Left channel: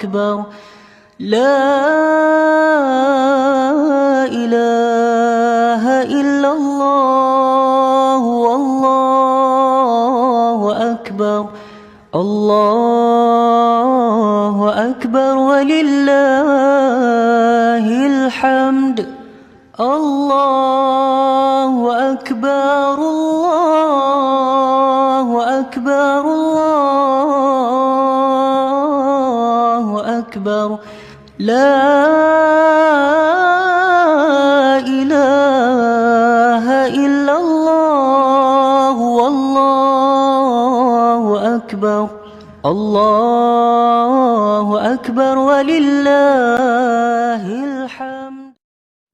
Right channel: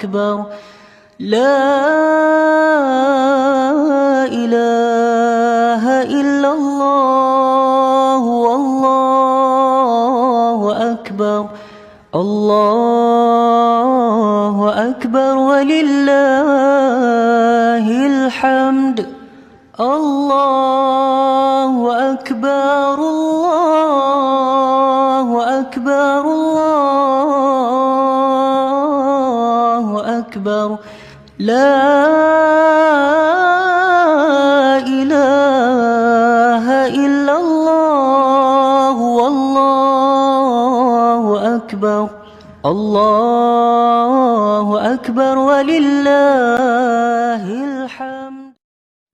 أكبر لا إله إلا الله والله أكبر الله أكبر ولله الحمد الله أكبر الله أكبر الله أكبر لا إله إلا الله والله أكبر الله أكبر ولله الحمد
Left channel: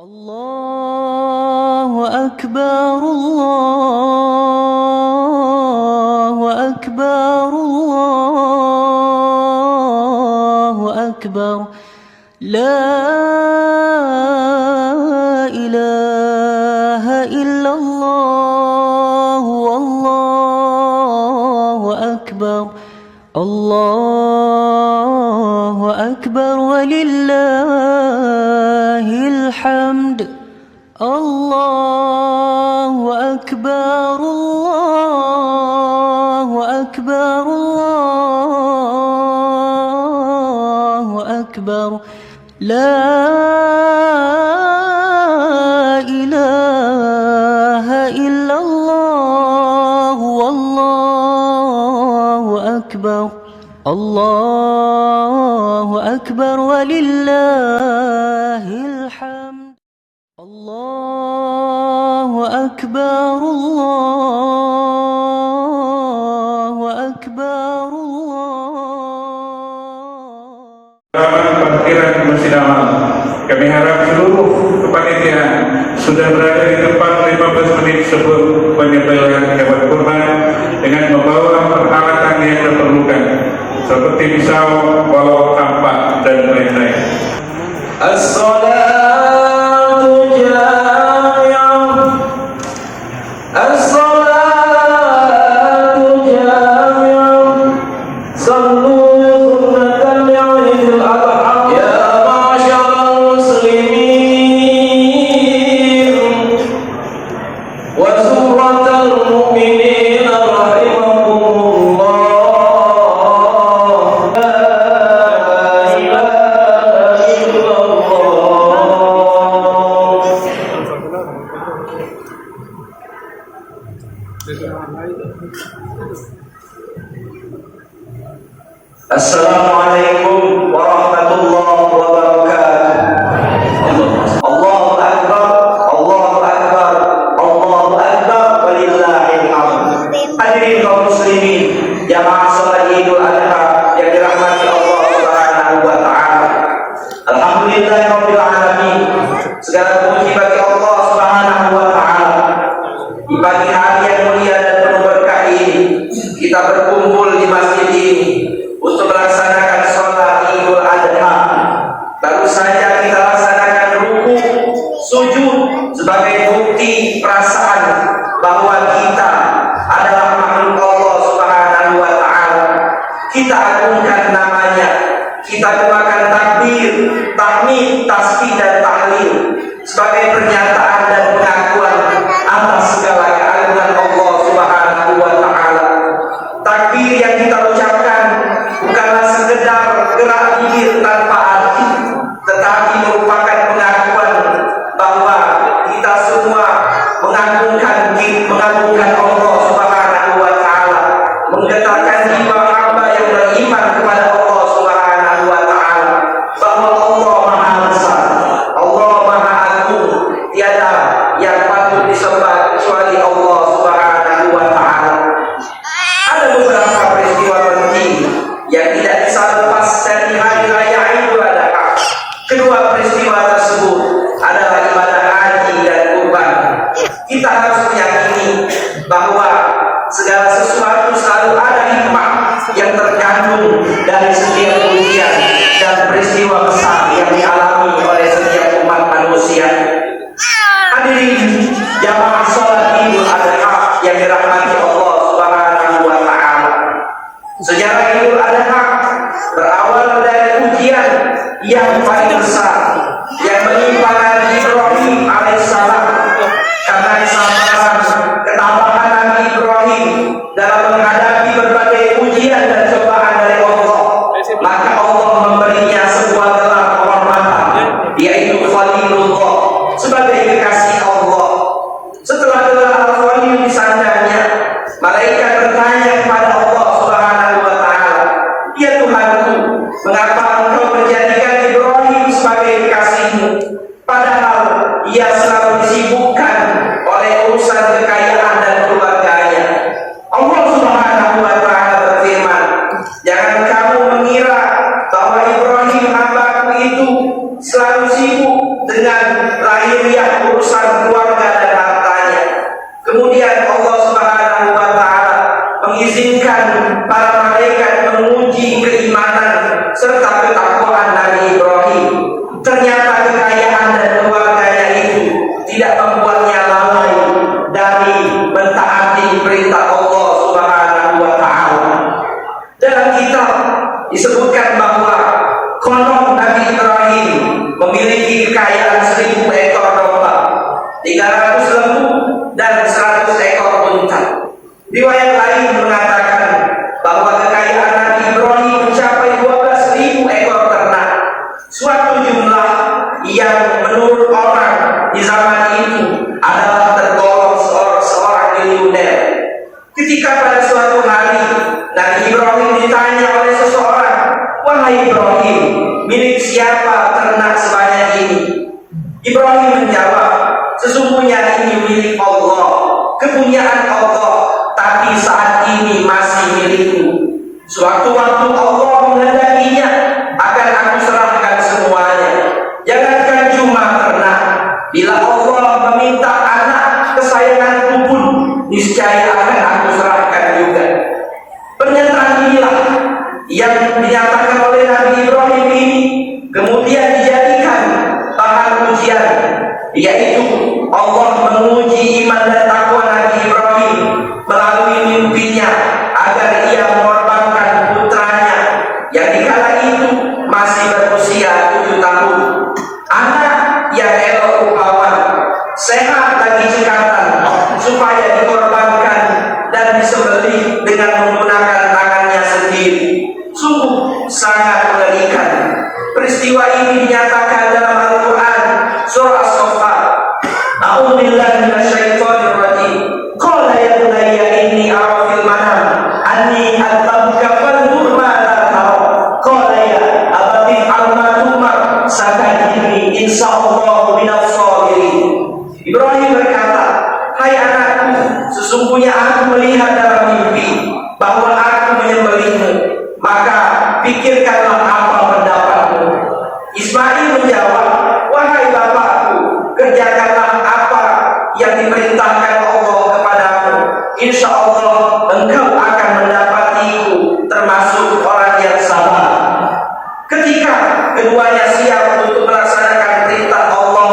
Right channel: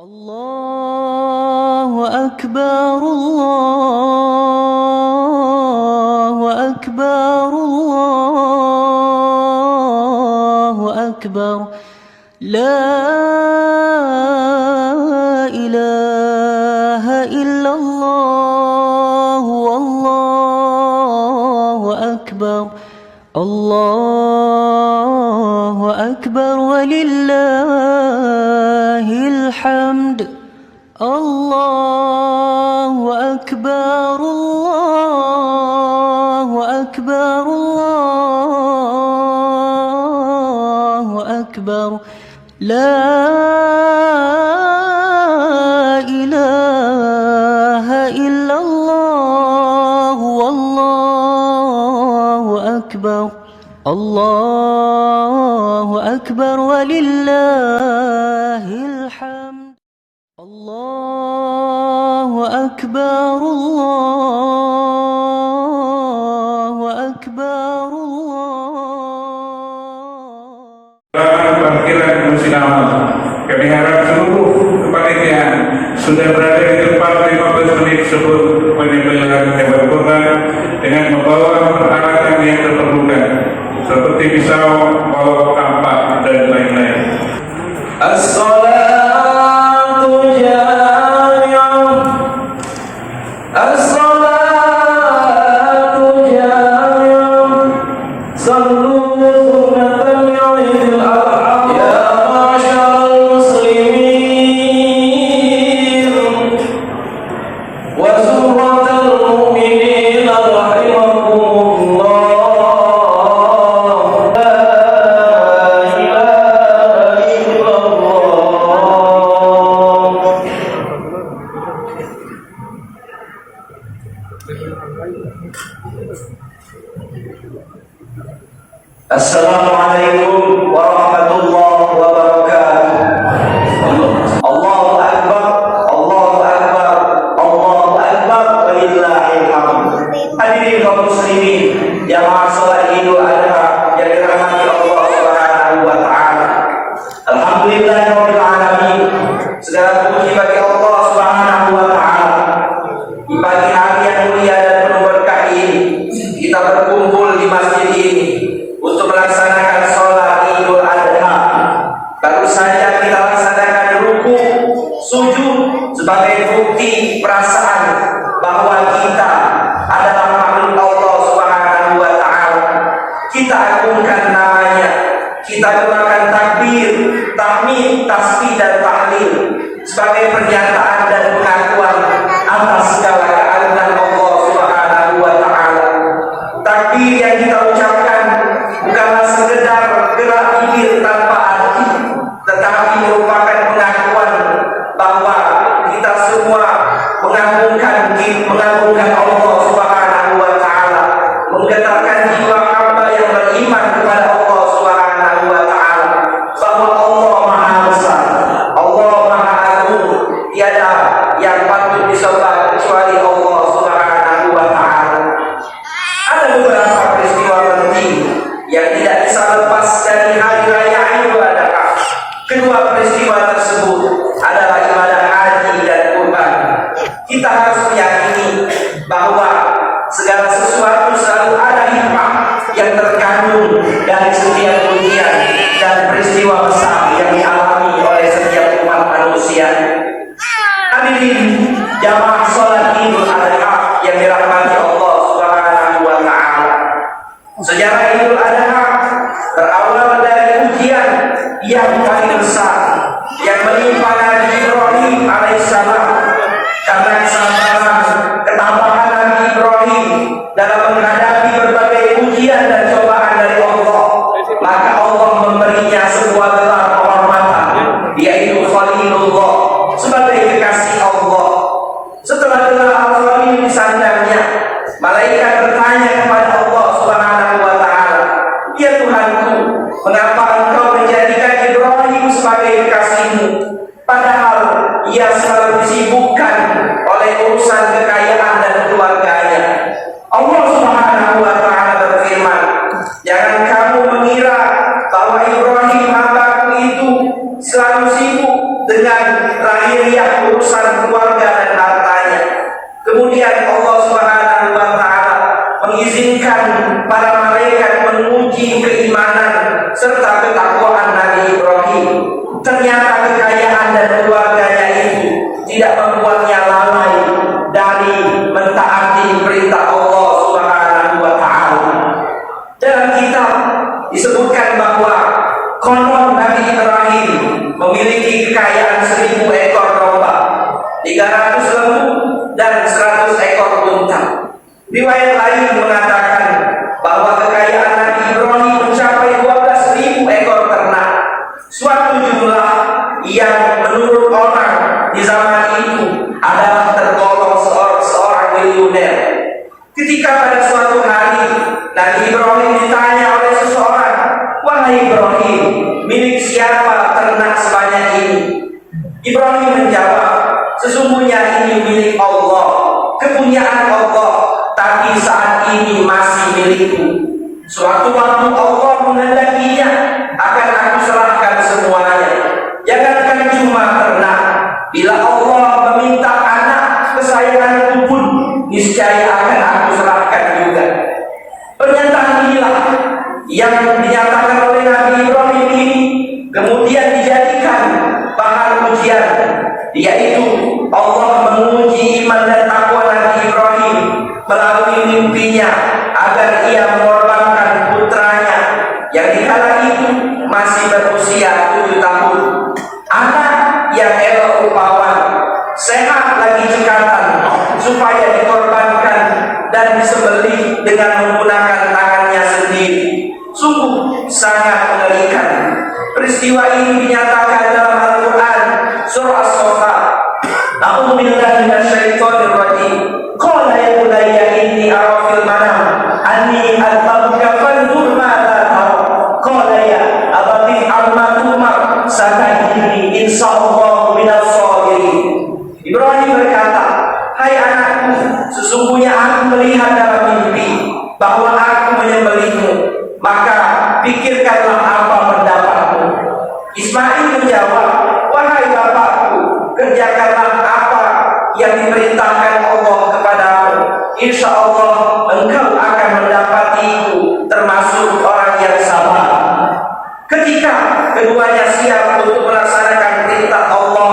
الله أكبر الله أكبر الله أكبر لا إله إلا الله والله أكبر الله أكبر ولله الحمد الله أكبر الله أكبر الله أكبر لا إله إلا الله والله أكبر الله أكبر ولله الحمد الله أكبر الله أكبر Dalam perkiraan kami harap seluruh panitia sudah berada di tempat 15 menit sebelum penyembelihan hewan kurban dengan membawa peralatan yang diperlukan seperti pisau, bawa kampak dan lain-lain. As-salatu jami'ah As-salatu jami'ah Sallu sunatan ya'idil adha Ya ma'asyaral muslimin Wa surratal mu'minin rahimakumullah La ilaha illallah Assalamualaikum warahmatullahi wabarakatuh. Allahu akbar, Allahu akbar, Allahu akbar walillahil hamd. Hadirin kaum muslimin, jamaah salat Idul Adha yang dirahmati Allah Subhanahu wa taala. Alhamdulillahirabbil alamin. Segala puji bagi Allah Subhanahu wa taala. Di pagi hari yang mulia dan penuh berkah ini, kita berkumpul di masjid ini untuk melaksanakan sholat Idul Adha. Baru saja kita laksanakan ruku, sujud sebagai bukti perasaan bahwa kita adalah makhluk Allah Subhanahu wa taala. Kita agungkan namanya, kita gunakan takbir, tahmid, tasbih dan tahlil sebagai pernyataan dan pengakuan atas segala keagungan Allah Subhanahu wa taala. Takbir yang kita ucapkan bukanlah sekedar gerak bibir tanpa arti, tetapi merupakan pengakuan bahwa kita semua mengagungkan Allah Subhanahu wa taala, menggetarkan jiwa hamba yang beriman kepada Allah Subhanahu wa taala bahwa Allah Maha Besar, Allah Maha Agung, tiada yang patut disembah kecuali Allah Subhanahu wa taala. Ada beberapa peristiwa penting yang tidak bisa lepas dari hari raya Idul Adha. Kedua peristiwa tersebut adalah ibadah haji dan kurban. Kita harus meyakini bahwa segala sesuatu selalu ada hikmah yang terkandung dari setiap ujian dan peristiwa besar yang dialami oleh setiap umat manusia. Hadirin jamaah salat Idul Adha yang dirahmati Allah Subhanahu wa taala. Sejarah Idul Adha berawal dari ujian yang paling besar yang menimpa Nabi Ibrahim alaihissalam, karena kesabaran ketabahan Nabi Ibrahim dalam menghadapi berbagai ujian dan cobaan dari Allah, maka Allah memberinya sebuah gelar kehormatan, yaitu Khalilullah, sebagai kekasih Allah. Setelah gelar Al-Khalil disandarnya, malaikat bertanya kepada Allah Subhanahu wa taala, "Ya Tuhanku, mengapa Engkau menjadikan Ibrahim sebagai kekasihmu, padahal ia selalu disibukkan oleh urusan kekayaan dan keluarganya?" Allah Subhanahu wa taala berfirman, "Jangan kamu mengira bahwa Ibrahim hambaku itu selalu sibuk dengan lahiriah urusan keluarga dan hartanya." Kemudian Allah Subhanahu wa taala mengizinkan para malaikat menguji keimanan serta ketakwaan Nabi Ibrahim. Ternyata kekayaan dan keluarganya itu tidak membuatnya lalai dari mentaati perintah Allah Subhanahu wa taala. Dalam kitab disebutkan bahwa konon Nabi Ibrahim memiliki kekayaan 1000 ekor domba, 300 lembu, dan 100 ekor unta. Riwayat lain mengatakan bahwa kekayaan Nabi Ibrahim mencapai 12.000 ekor ternak, suatu jumlah yang menurut orang di zaman itu adalah tergolong seorang miliuner. Ketika pada suatu hari Nabi Ibrahim ditanya oleh seseorang, "Wahai Ibrahim, milik siapa ternak sebanyak ini?" Ibrahim menjawab, "Sesungguhnya ini milik Allah, kepunyaan Allah, tapi saat ini masih milikku. Suatu waktu Allah menghendakinya, akan aku serahkan semuanya. Jangankan cuma ternak, bila Allah meminta anak kesayanganku pun, niscaya akan aku serahkan juga." Pernyataan inilah yang dinyatakan oleh Nabi Ibrahim ini kemudian dijadikan bahan ujian, yaitu Allah menguji iman dan takwa Nabi Ibrahim melalui mimpinya agar ia mengorbankan putranya yang dikala itu masih berusia 7 tahun, anak yang elok rupawan, sehat lagi cekatan, supaya dikorbankan dan disembelih dengan menggunakan tangannya sendiri. Sungguh sangat mengerikan. Peristiwa ini dinyatakan dalam Al-Quran surah As-Saffat. A'udzu billahi minasyaitonir rajim. Qala ya bunayya inni ara fil manam anni adhabuka fanzur madza tara. Qala ya abati amma tumar satajidni insyaallah minas sabirin. Ibrahim berkata, "Hai anakku, sesungguhnya aku melihat dalam mimpi bahwa aku menyembelihmu, maka pikirkanlah apa pendapatmu." Ismail menjawab, "Wahai bapakku, kerjakanlah apa yang diperintahkan Allah kepadamu. Insya Allah engkau akan mendapatiku termasuk orang yang sabar." Ketika keduanya siap untuk melaksanakan perintah Allah,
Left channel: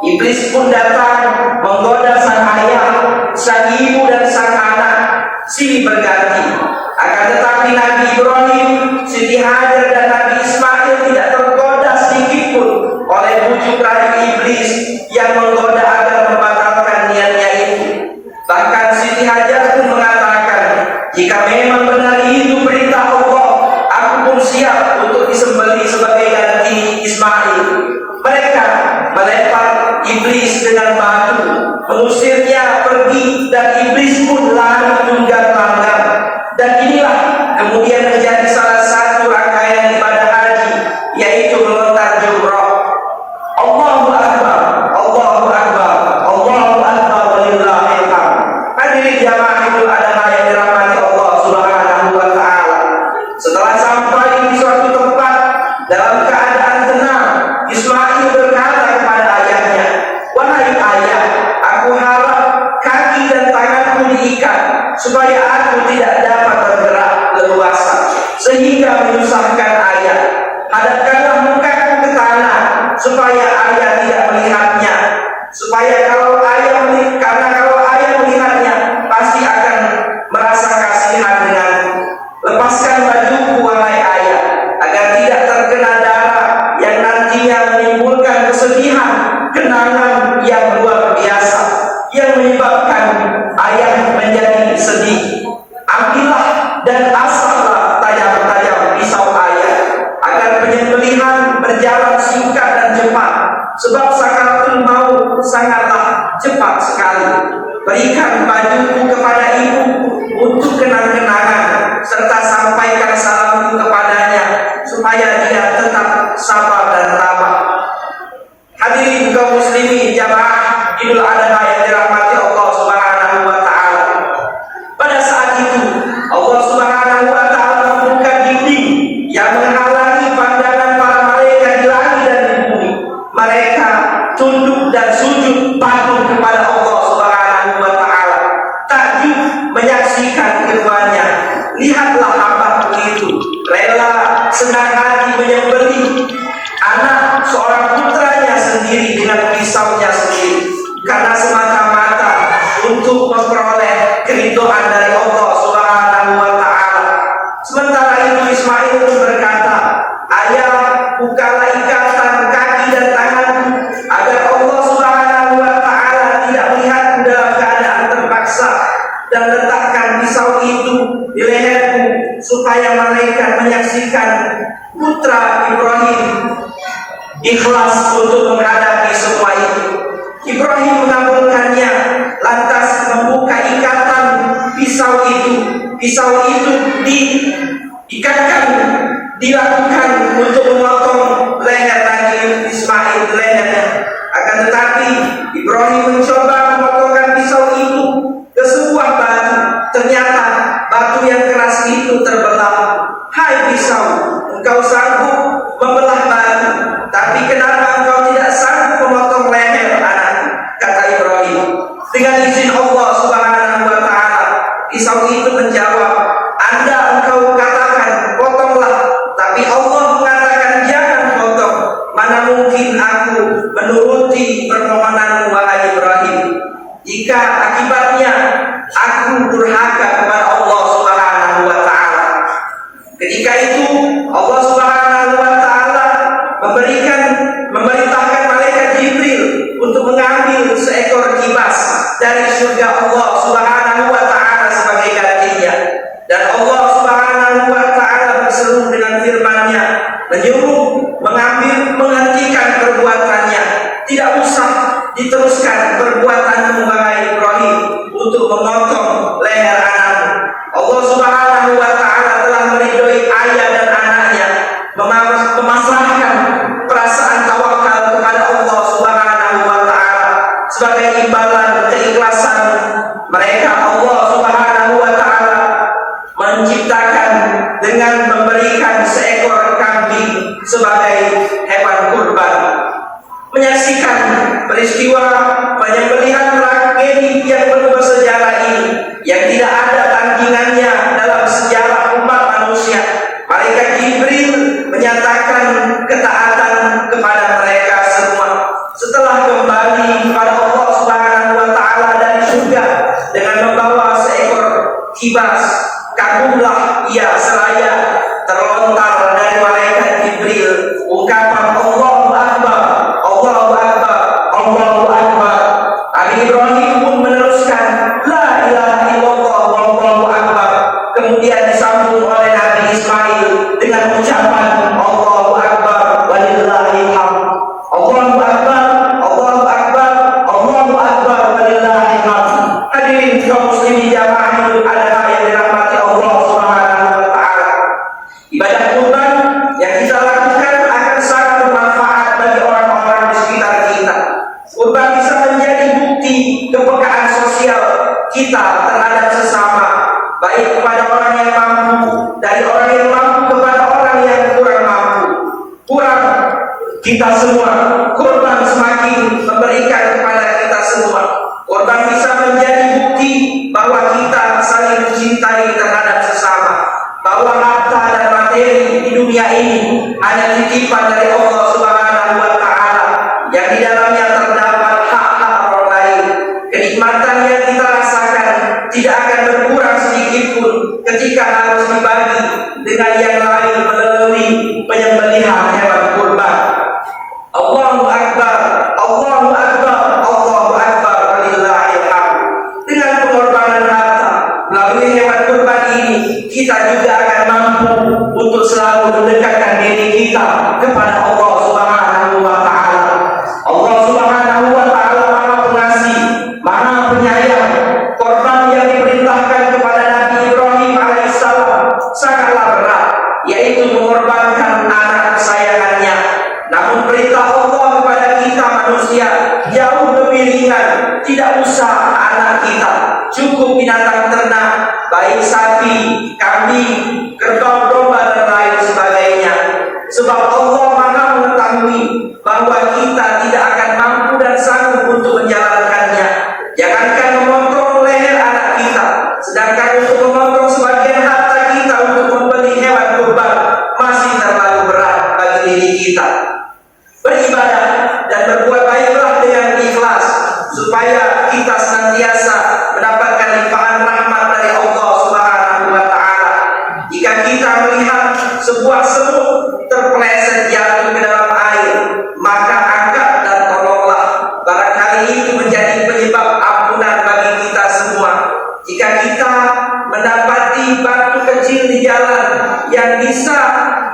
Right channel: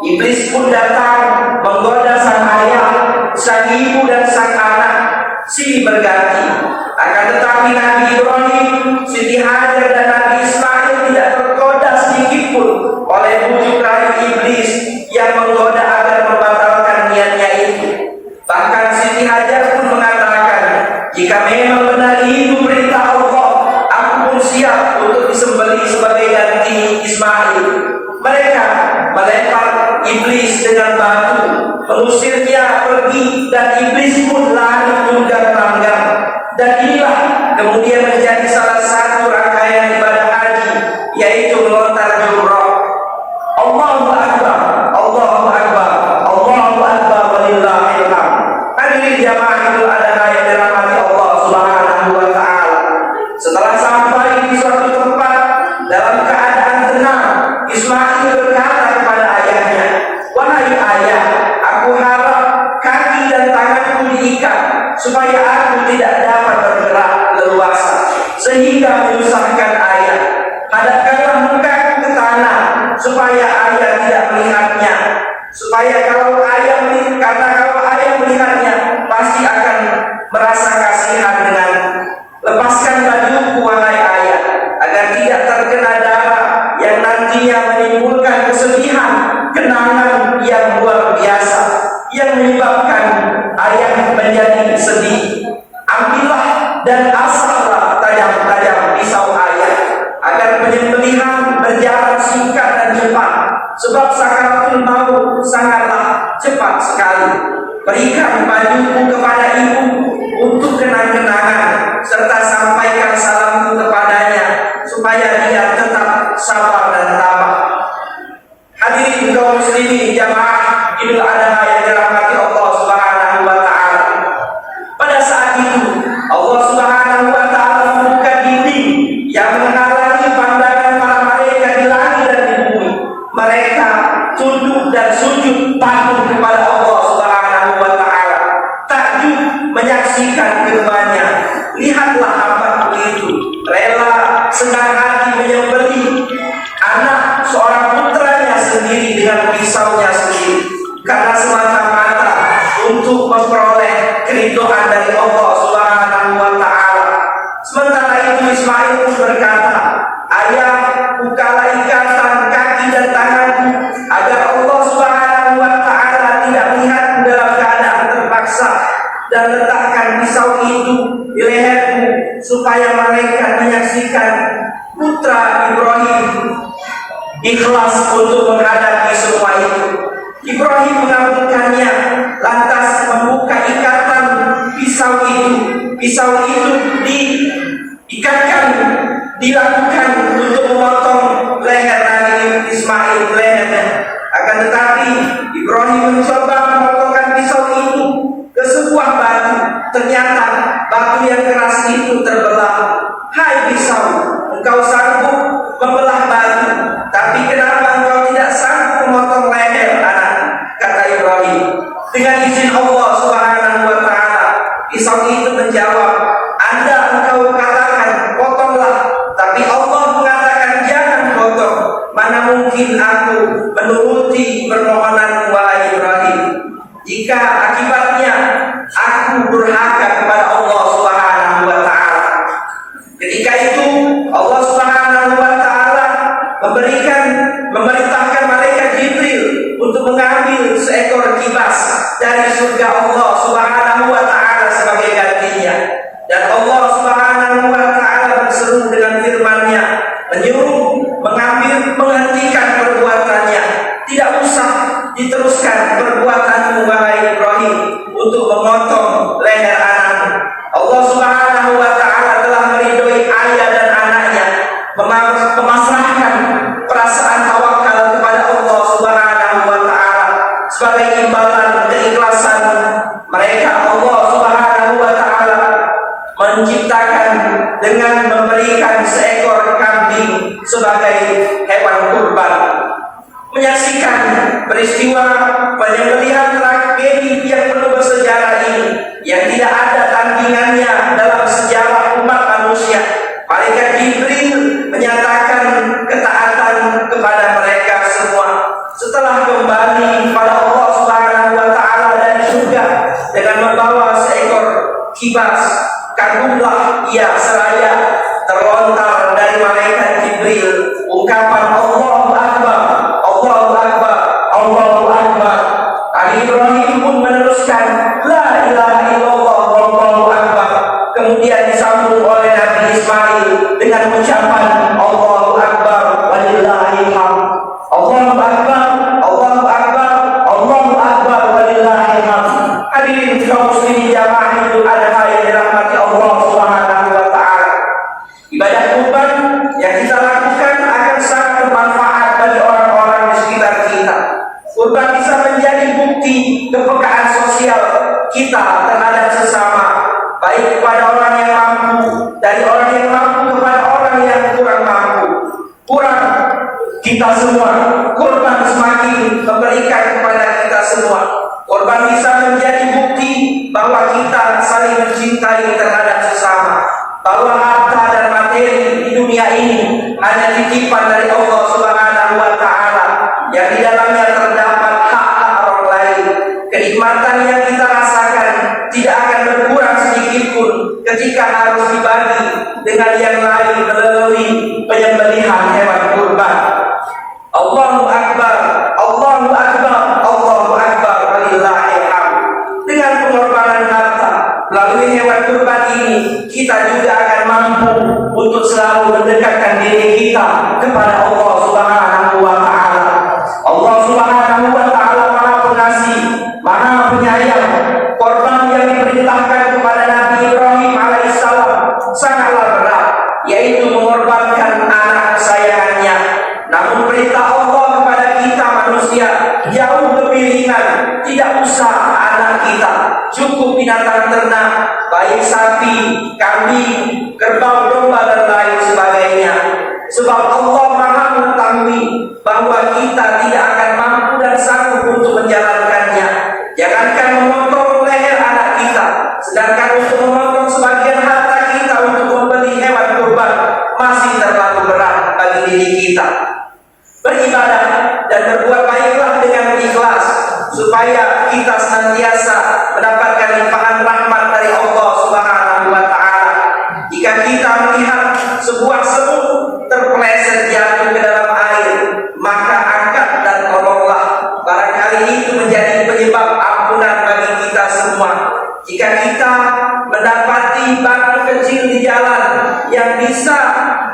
iblis pun datang menggoda sang ayah, sang ibu, dan sang anak silih berganti. Akan tetapi Nabi Ibrahim, Siti Hajar, dan Nabi Ismail tidak tergoda sedikit pun oleh bujuk rayu iblis yang menggoda agar membatalkan niatnya itu. Bahkan Siti Hajar pun mengatakan, "Jika memang benar itu perintah Allah, aku pun siap untuk disembelih sebagai ganti Ismail." Mereka melempar iblis dengan batu, mengusirnya pergi, dan iblis pun lari tunggang-langgang. Dan inilah kemudian menjadi salah satu rangkaian ibadah haji, yaitu melontar jumrah. Allahu Akbar, Allahu Akbar, Allahu Akbar, walillahil hamd. Hadirin jamaah Idul Adha yang dirahmati Allah Subhanahu wa taala. Setelah sampai di suatu tempat dalam keadaan tenang, Ismail berkata kepada ayahnya, "Wahai ayah, aku harap kaki dan tanganku diikat supaya aku tidak dapat bergerak leluasa sehingga menyusahkan ayah. Hadapkanlah mukaku ke tanah supaya ayah tidak melihatnya, supaya karena kalau ayah melihatnya pasti akan merasa kasihan denganku. Lepaskan bajuku wahai ayah, agar tidak terkena darah yang senang hati menyembelih anak seorang putranya sendiri dengan pisaunya sendiri karena semata-mata untuk memperoleh keridhaan dari Allah Subhanahu wa taala. Sementara itu Ismail pun berkata, "Ayah, bukalah ikatan kaki dan tanganku agar Allah Subhanahu wa taala tidak melihatku dalam keadaan terpaksa, dan letakkan pisau itu di leherku supaya mereka menyaksikan putra Ibrahim ikhlas untuk menghadapi semua itu." Ibrahim mengabulkannya, lantas membuka ikatan pisau itu. Pisau itu diikatkan, dilakukan untuk memotong leher Nabi Ismail, lehernya. Akan tetapi Ibrahim mencoba memotongkan pisau itu ke sebuah batu. Ternyata batu yang keras itu terbelah. "Hai pisau, engkau sanggup membelah batu, tapi kenapa engkau tidak sanggup memotong leher anak?" kata Ibrahim. Dengan izin Allah Subhanahu wa taala, pisau itu menjawab, "Anda engkau katakan potonglah, tapi Allah mengatakan jangan potong. Mana mungkin aku menuruti permohonan wahai Ibrahim, jika akibatnya aku durhaka kepada Allah Subhanahu wa taala." Ketika itu Allah Subhanahu wa taala memerintahkan malaikat Jibril untuk mengambil seekor kibas dari surga Allah Subhanahu wa taala sebagai gantinya. Dan Allah Subhanahu wa taala berseru dengan firman-Nya, menyuruh menghentikan perbuatannya. Tidak usah diteruskan perbuatan wahai Ibrahim untuk memotong leher anakmu. Allah Subhanahu wa taala telah meridhoi ayah dan anaknya, memasrahkan perasaan tawakal kepada Allah Subhanahu wa taala sebagai imbalan keikhlasan mereka. Allah Subhanahu wa taala menciptakan dengan memberikan seekor kambing sebagai hewan kurban. Menyaksikan peristiwa penyembelihan tragedi yang penuh bersejarah ini yang tidak ada tandingannya dalam sejarah umat manusia, malaikat Jibril menyatakan ketaatan kepada mereka semua. Setelah kembali kepada Allah Subhanahu wa taala dari surga dengan membawa seekor kibas, kagumlah ia seraya terlontar dari malaikat Jibril ungkapan Allahu Akbar, Allahu Akbar, Allahu Akbar. Nabi Ibrahim pun meneruskan la ilaha illallah wallahu akbar. Kemudian disambung oleh Nabi Ismail dengan ucapan Allahu Akbar walillahil hamd. Allahu Akbar, Allahu Akbar, Allahu Akbar walillahil hamd. Hadirin kaum muslimin jamaah Idul Adha yang dirahmati Allah Subhanahu wa taala. Ibadah kurban yang kita lakukan akan sangat bermanfaat bagi orang-orang di sekitar kita. Kurban bisa menjadi bukti kepekaan sosial kita terhadap sesama, baik kepada orang yang mampu, dari orang yang mampu kepada orang yang kurang mampu. Kurang kita semua, kurban semakin memberikan kepada kita semua. Kurban bisa menjadi bukti bahwa kita saling mencintai terhadap sesama, bahwa harta dan materi di dunia ini hanya titipan dari Allah Subhanahu wa taala yang di dalamnya terdapat hak-hak orang lain. Kenikmatan yang kita rasakan tidak akan berkurang sedikit pun ketika harus dibagi dengan yang lain melalui penyembelihan hewan kurban. Allahu Akbar, Allahu Akbar, Allahu Akbar walillahil hamd. Dengan pengorbanan harta melalui hewan kurban ini, kita juga akan mampu untuk selalu mendekatkan diri kita kepada Allah Subhanahu wa taala. Allah Subhanahu wa taala Maha Pengasih, Maha Penyayang. Korban yang diperintahkan kepada Nabi Ibrahim alaihissalam sangatlah berat. melihat sebuah semut terpeleset jatuh ke dalam air, maka angkat dan tolonglah. Barangkali itu menjadi penyebab ampunan bagi kita semua. Jika kita mendapati batu kecil di jalan yang bisa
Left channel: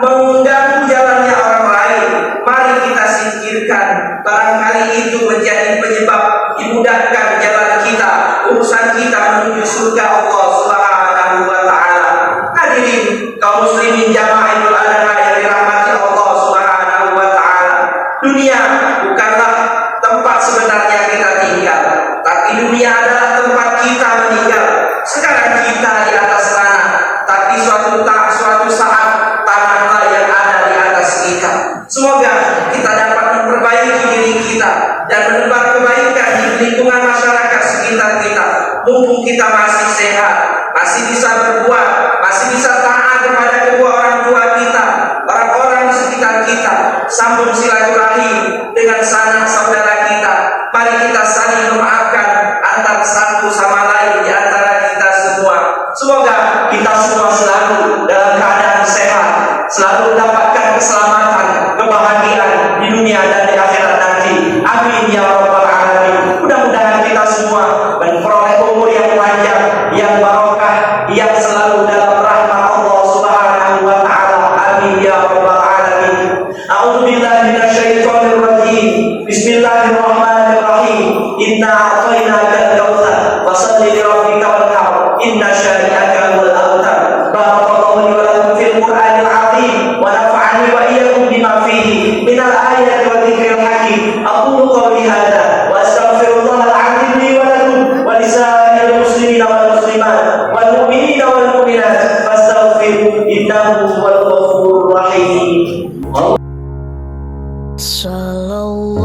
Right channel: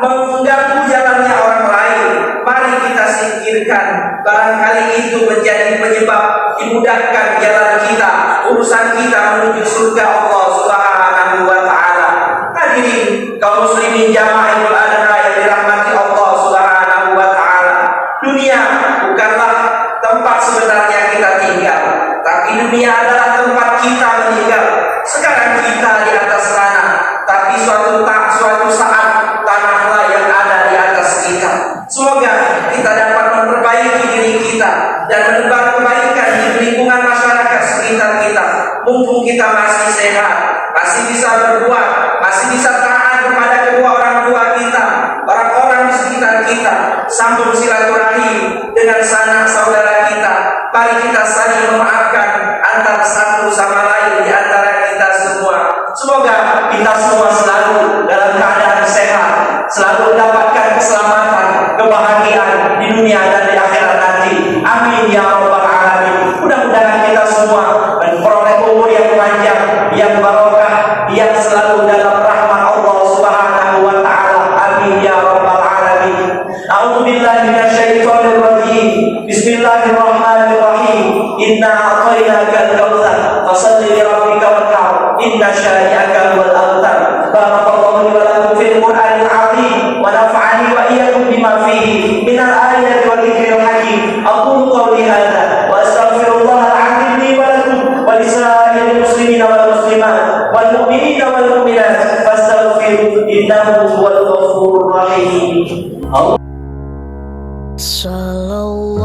mengganggu jalannya orang lain, mari kita singkirkan. Barangkali itu menjadi penyebab dimudahkan jalan kita, urusan kita menuju surga Allah Subhanahu wa taala. Hadirin kaum muslimin jamaah Idul Adha yang dirahmati Allah Subhanahu wa taala. Dunia bukanlah tempat sebenarnya kita tinggal, tapi dunia adalah tempat kita meninggal. Sekarang kita di atas tanah, tapi suatu saat tanahlah yang ada di atas kita. Semoga kita dapat memperbaiki diri kita dan menebar kebaikan di lingkungan masyarakat sekitar kita. Mumpung kita masih sehat, masih bisa berbuat, masih bisa taat kepada kedua orang tua kita, orang-orang di sekitar kita, sambung silaturahim dengan sanak saudara kita. Mari kita saling memaafkan antar satu sama lain di antara kita semua. Semoga kita semua selalu dalam keadaan sehat, selalu mendapatkan keselamatan, kebahagiaan di dunia dan di akhirat nanti. Amin ya rabbal alamin. Mudah-mudahan kita semua memperoleh umur yang panjang, yang barokah, yang selalu dalam rahmat Allah Subhanahu wa taala. Amin ya rabbal alamin. A'udzubillahi minasyaitonir rajim. Bismillahirrahmanirrahim. Inna a'tainakal kautsar fashalli li rabbika wanhar. Inna syani'aka huwal abtar. Barakallahu li wa lakum fil Qur'anil 'azim wa nafa'ani wa iyyakum bima fihi minal ayati wa dzikril hakim. Aqulu qawli hadza wa astaghfirullahal 'azim li wa lakum wa lisa'iril muslimina wal muslimat wal mu'minina wal mu'minat fastaghfiruhu innahu huwal ghafurur rahim. Sallallahu